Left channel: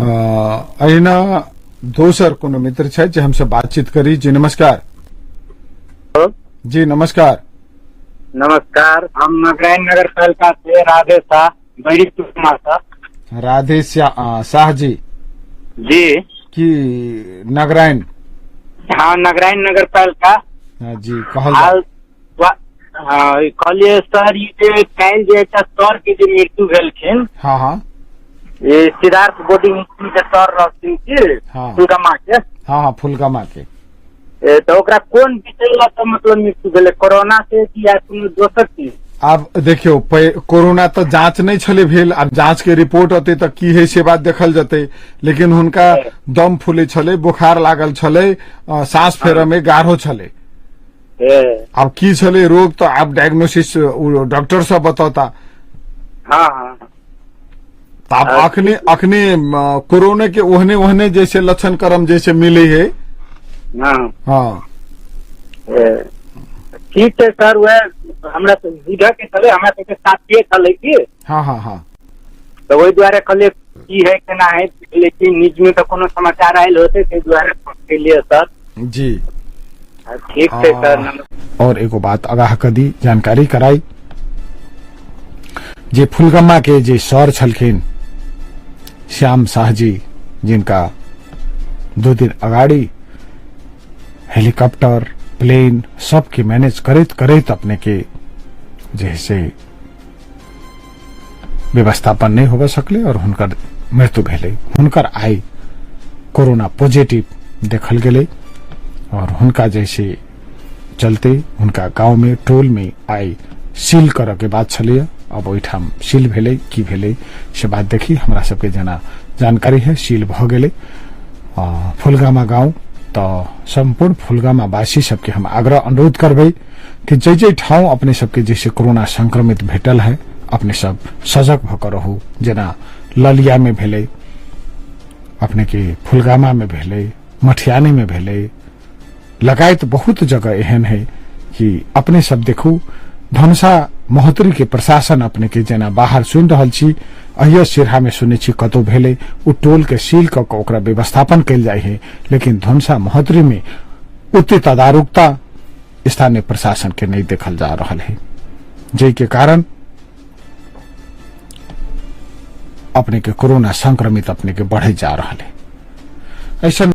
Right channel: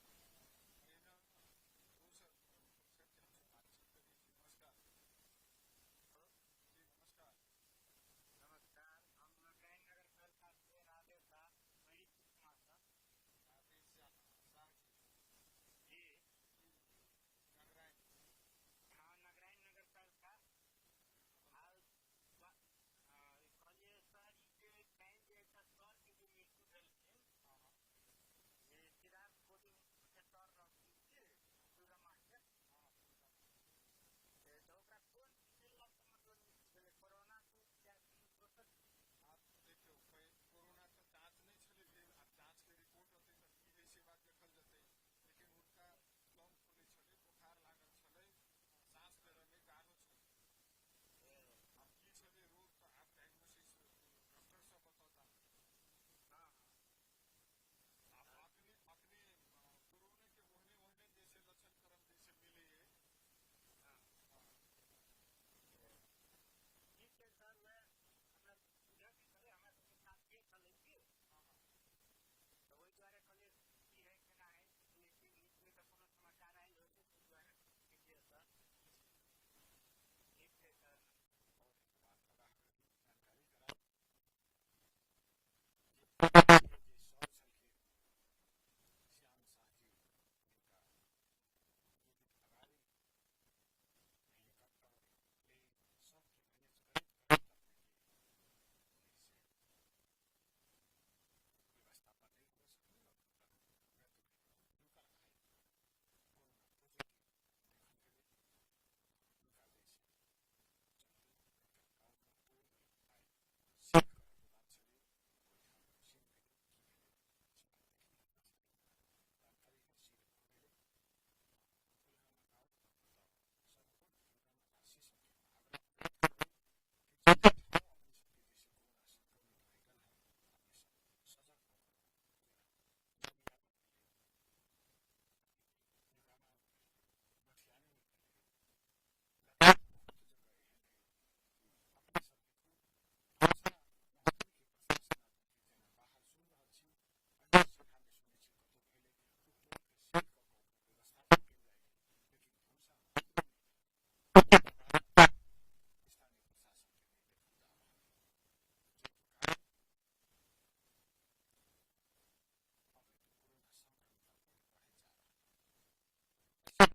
अहिना दोसर कोनो मित्र छै जे हमसे बातचीत करी। जी नमस्कार। जी नमस्कार। नमस्कार, हम नारायण नगर पालिका से राधे शाह बड़ी कुमार साहब। राधे शाह जी जी की नारायण। हाँ, नारायण नगर पालिका। जी कहल कहलिए सर, ई जे काल्हि जे एकटा सर के जे मृत्यु भेलखिन, हाँ हाँ ये सिद्धार्थ बोर्डिंग स्कूल के सर रहथिन की हाँ फुलगमा के। हाँ हाँ फुलगमा के। तो ओकरा कोन विषय ला तो मतलब मृत्यु भेलै, कोरोना से कि या कोनो दोसर चीज? आब देखियो कोरोना तो जांच नहीं छले भेल, आब जांच के रिपोर्ट अते तो की है से बात देखल जते, लेकिन हुनका दम फूले छले, बुखार लागल छले, सांस फेरे में गाढ़ो छले। अब की छले रोग तो आप डायग्नोसिस डॉक्टर सब बताता। हाँ हाँ अब अखने कोरोना के ओहने ओहने जैसे लक्षण कर्म जैसे मिले है। हाँ हाँ ठीक है सर, वह हमरा बुझ के चले, हमरा सबके साथिये चले की। हाँ हाँ हाँ तो वही द्वारे कहले की है केना है, लेकिन निज में तो कोनो समाचार आयल होते ते द्वारे के लिए सर। जी ठीक है सर। और एगो बात आगाह कर दी, जानकारी कराई जे फुलगमा के जे सर छलखिन श्याम शाह जी, जिनका 2 दिन अगाड़ी हेलीकॉप्टर प्लेन सबके मैनेज करैत करैत अपने के जैसे व्यवस्थापन नहीं होबे सकले और हुनकर मृत्यु भेले। हुनकर आई कोरोना पॉजिटिव देखल गेले और हुनका जैसे चलते हुनका गांव में टोल में आई सील कर के बात छलिए। अब ओठाम सील भेले की भेले से बात देखी हमरा सबके जना जानकारी है। सील भ गेले फुलगामा गांव। तो संपूर्ण फुलगामा वासी सबके हम आग्रह अनुरोध करबे कि जे ठाव अपने सबके जैसे कोरोना संक्रमित भेटल है, अपने सब सजग भकर रहू। जना ललिया में भेले, अपने के फुलगामा में भेले, मठियानी में भेले, लगायत बहुत जगह एहन है कि अपने सब देखू। धनुषा महोत्तरी के प्रशासन अपने के जना बाहर सुन रहल छी, अहिया सिरहा में सुने छी कतो भेले, उ टोल के सील क ओकरा व्यवस्थापन कल जाए है, लेकिन धनुषा महोत्तरी में उतनी तदारुकता स्थानीय प्रशासन के नहीं देखल जा रहा है, जे के कारण अपने के कोरोना संक्रमित अपने के बढ़े जा रहा है। ऐसा